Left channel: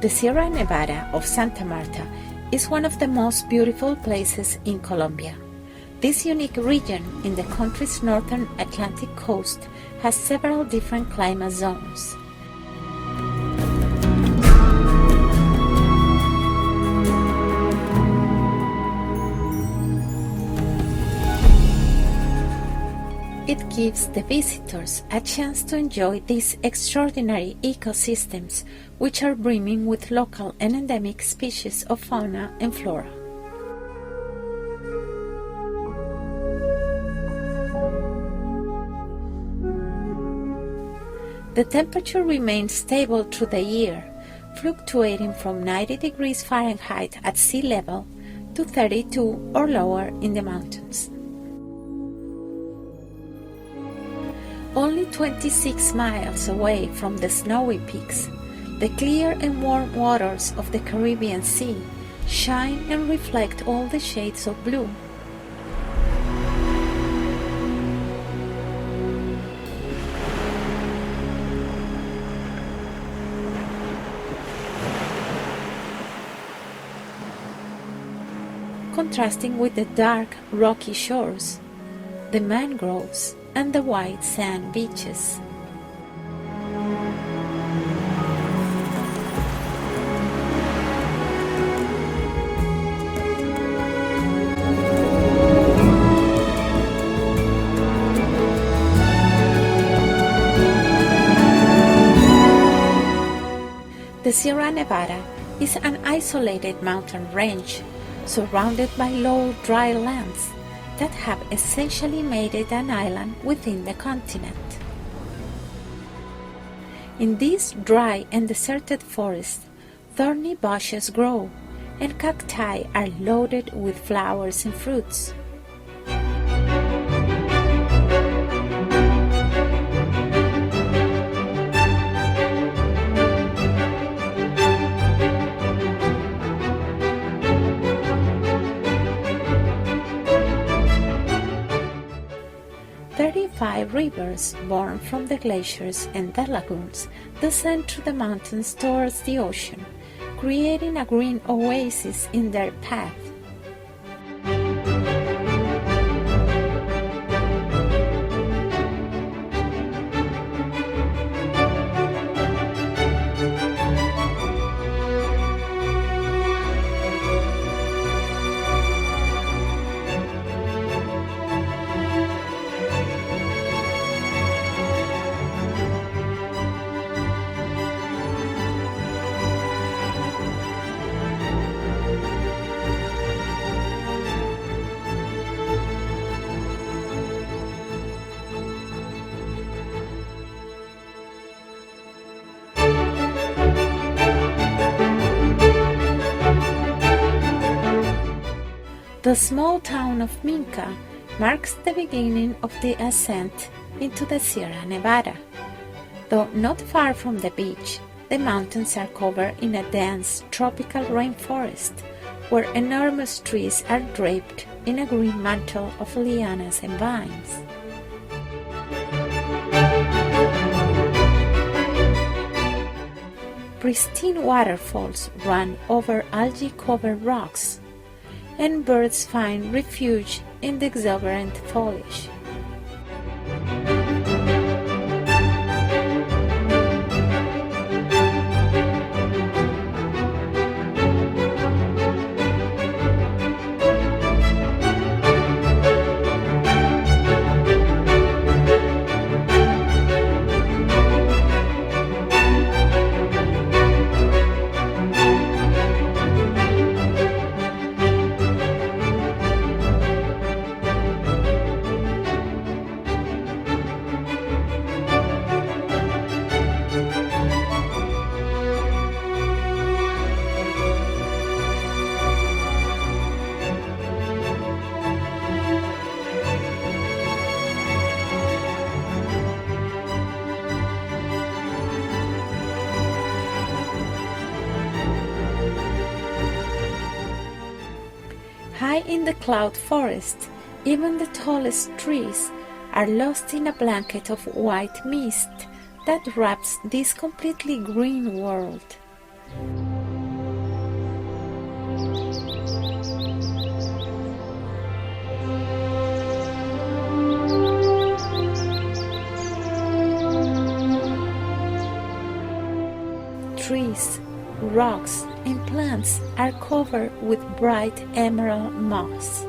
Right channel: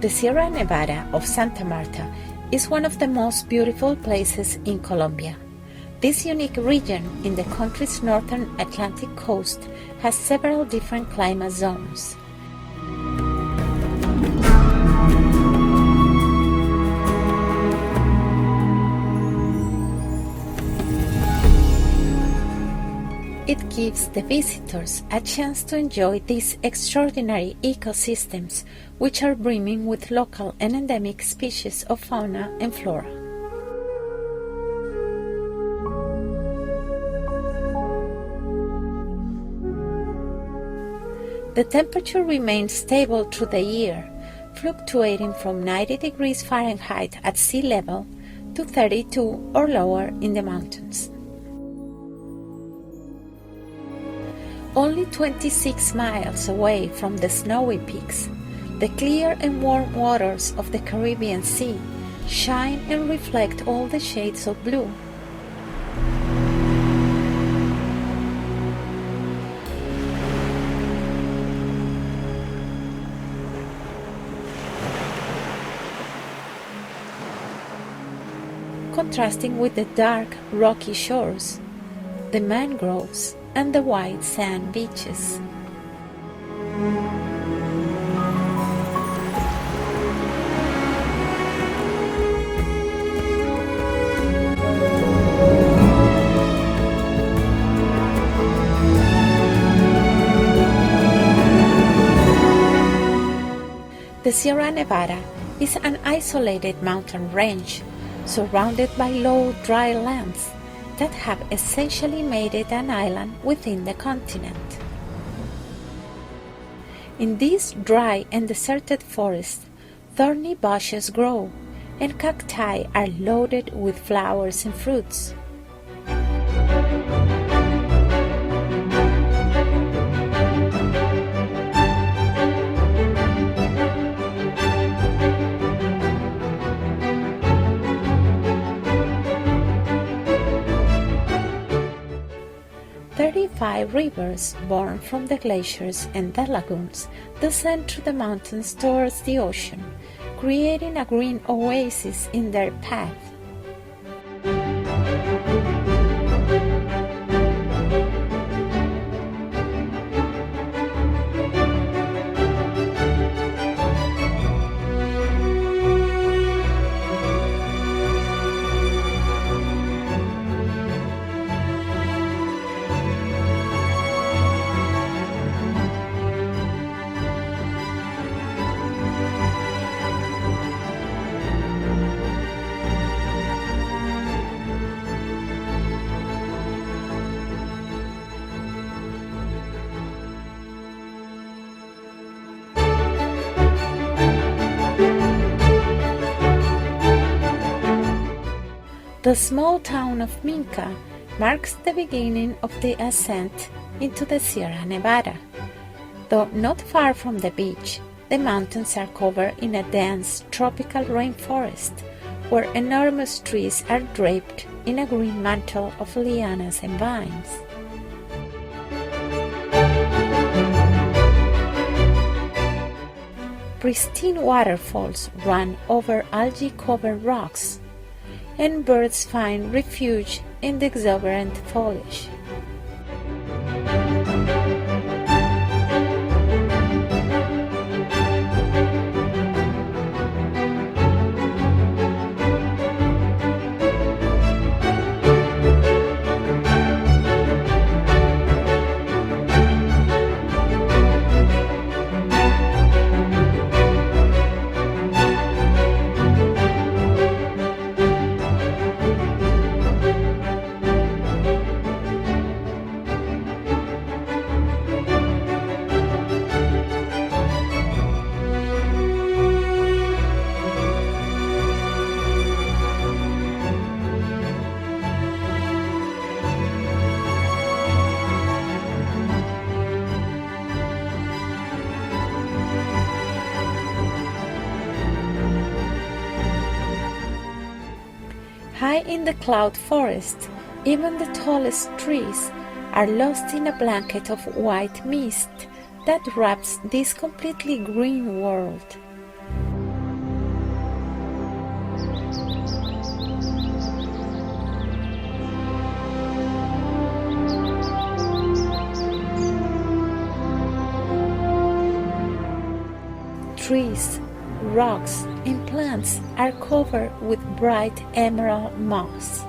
The Sierra Nevada of Santa Marta is one of the most beautiful places in Colombia. This unique region in the country's northern Atlantic coast has several different climate zones. It gives the visitors a chance to enjoy these extraordinary ecosystems, which are brimming with local and endemic species of fauna and flora. The temperature remains stable through the year, fluctuating from 90 degrees Fahrenheit at sea level to 32 or lower in the mountains. Only 26 miles away from the snowy peaks, the clear and warm waters of the Caribbean Sea shine and reflect all the shades of blue. Contrasting with the dark, rocky shores, the mangroves, and the white sand beaches. The Sierra Nevada is an isolated mountain range surrounded by low, dry lands that have essentially made it an island within the continent. In these dry and deserted forests, thorny bushes grow, and cacti are loaded with flowers and fruits. Five rivers born from the glaciers and the lagoons descend through the mountains towards the ocean, creating a green oasis in their path. The small town of Minca marks the beginning of the ascent into the Sierra Nevada. Though not far from the beach, the mountains are covered in a dense tropical rainforest, where enormous trees are draped in a green mantle of lianas and vines. Pristine waterfalls run over algae-covered rocks, and birds find refuge in the exuberant foliage. High in the cloud forest, even the tallest trees are lost in a blanket of white mist that wraps this completely green world. trees, rocks, and plants are covered with bright emerald moss.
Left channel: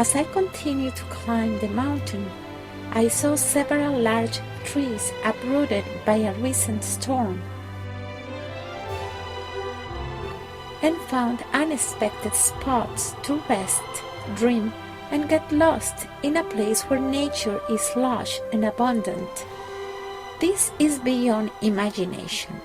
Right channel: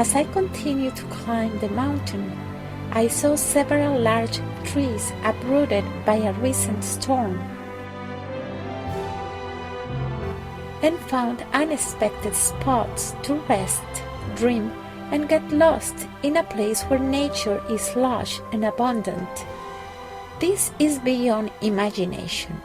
As I continued to climb the mountain, I saw several large trees uprooted by a recent storm and found unexpected spots to rest, dream, and get lost in a place where nature is lush and abundant. This is beyond imagination.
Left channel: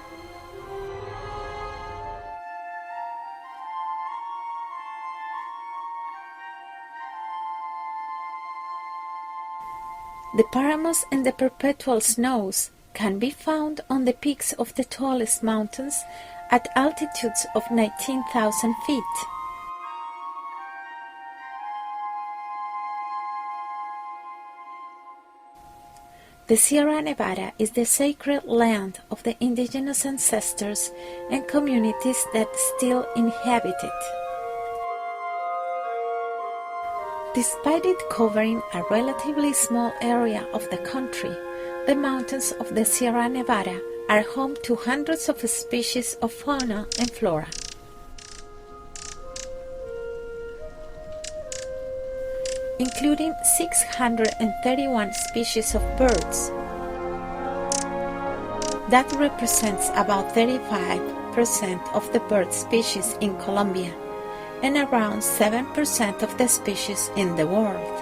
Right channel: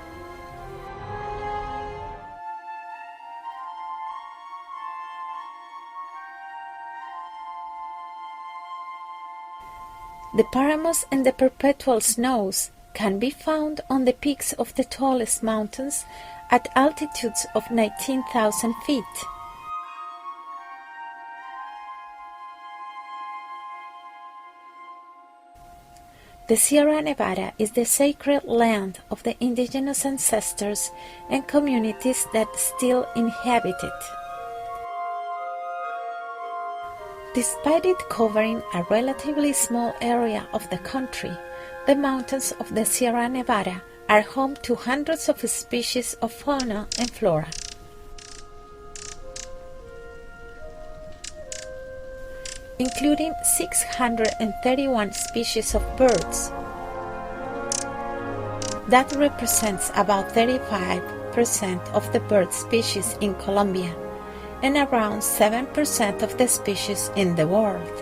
The paramos and the perpetual snows can be found on the peaks of the tallest mountains at altitudes of 19,000 feet. The Sierra Nevada is the sacred land of the indigenous ancestors and communities that still inhabit it. Despite it covering a relatively small area of the country, the mountains of the Sierra Nevada are home to hundreds of species of fauna and flora. Including 631 species of birds. That represents about 35% of the bird species in Colombia and around 7% of the species in the world.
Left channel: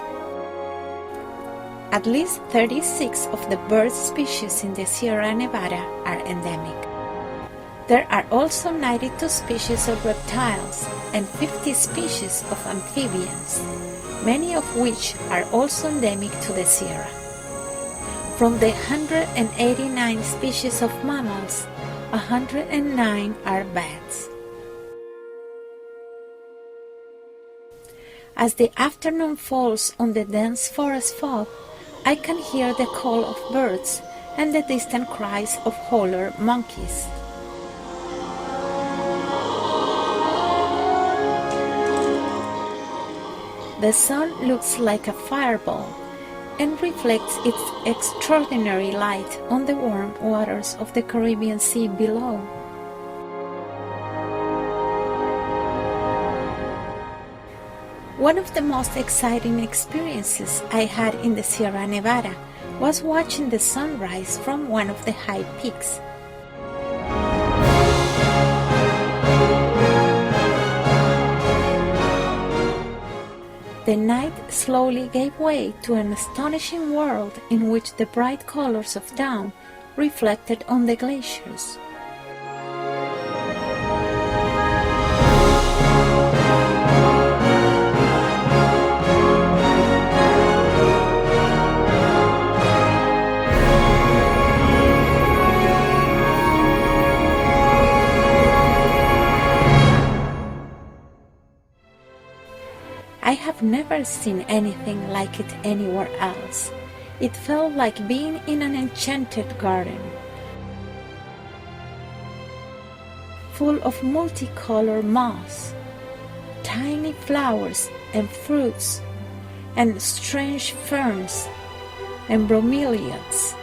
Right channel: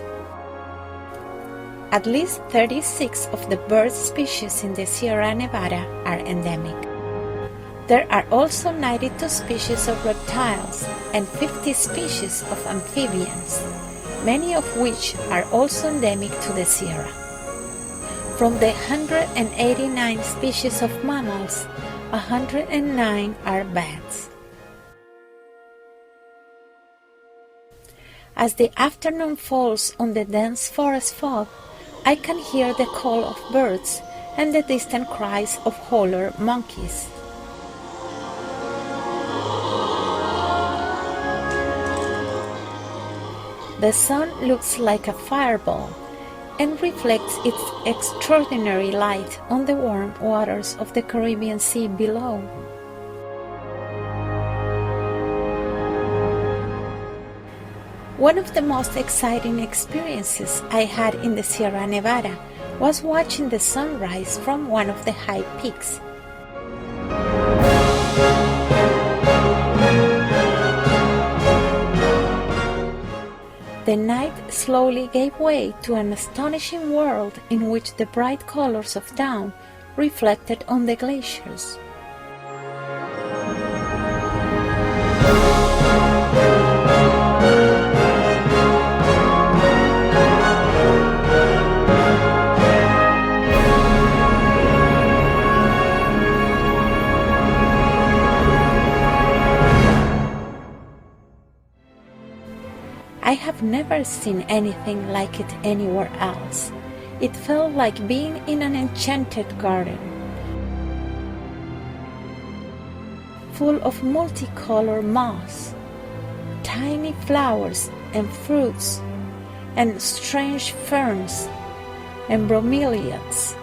At least 36 of the bird species in the Sierra Nevada are endemic. There are also 92 species of reptiles and 50 species of amphibians, many of which are also endemic to the Sierra. From the 189 species of mammals, 109 are bats. As the afternoon falls on the dense forest fog, I can hear the call of birds and the distant cries of howler monkeys. The sun looks like a fireball and reflects its extraordinary light on the warm waters of the Caribbean Sea below. One of the most exciting experiences I had in the Sierra Nevada was watching the sunrise from one of the high peaks. The night slowly gave way to an astonishing world in which the bright colors of dawn reflected on the glaciers. I have never seen anything like it anywhere else. It felt like being in an enchanted garden, full of multicolored moss, tiny flowers and fruits, and strange ferns and bromeliads.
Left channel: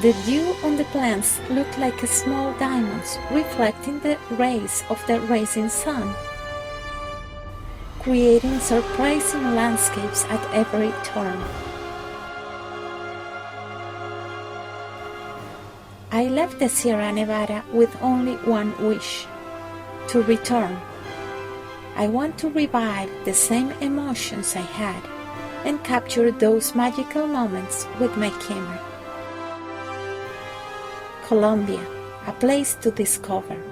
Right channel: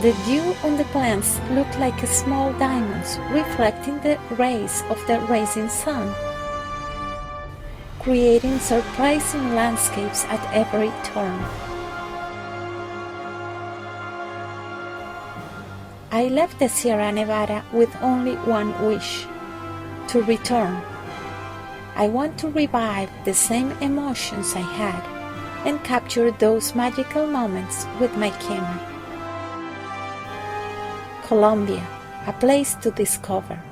The dew on the plants looked like small diamonds reflecting the rays of the rising sun, creating surprising landscapes at every turn. I left the Sierra Nevada with only one wish: to return. I want to revive the same emotions I had and capture those magical moments with my camera. Colombia, a place to discover.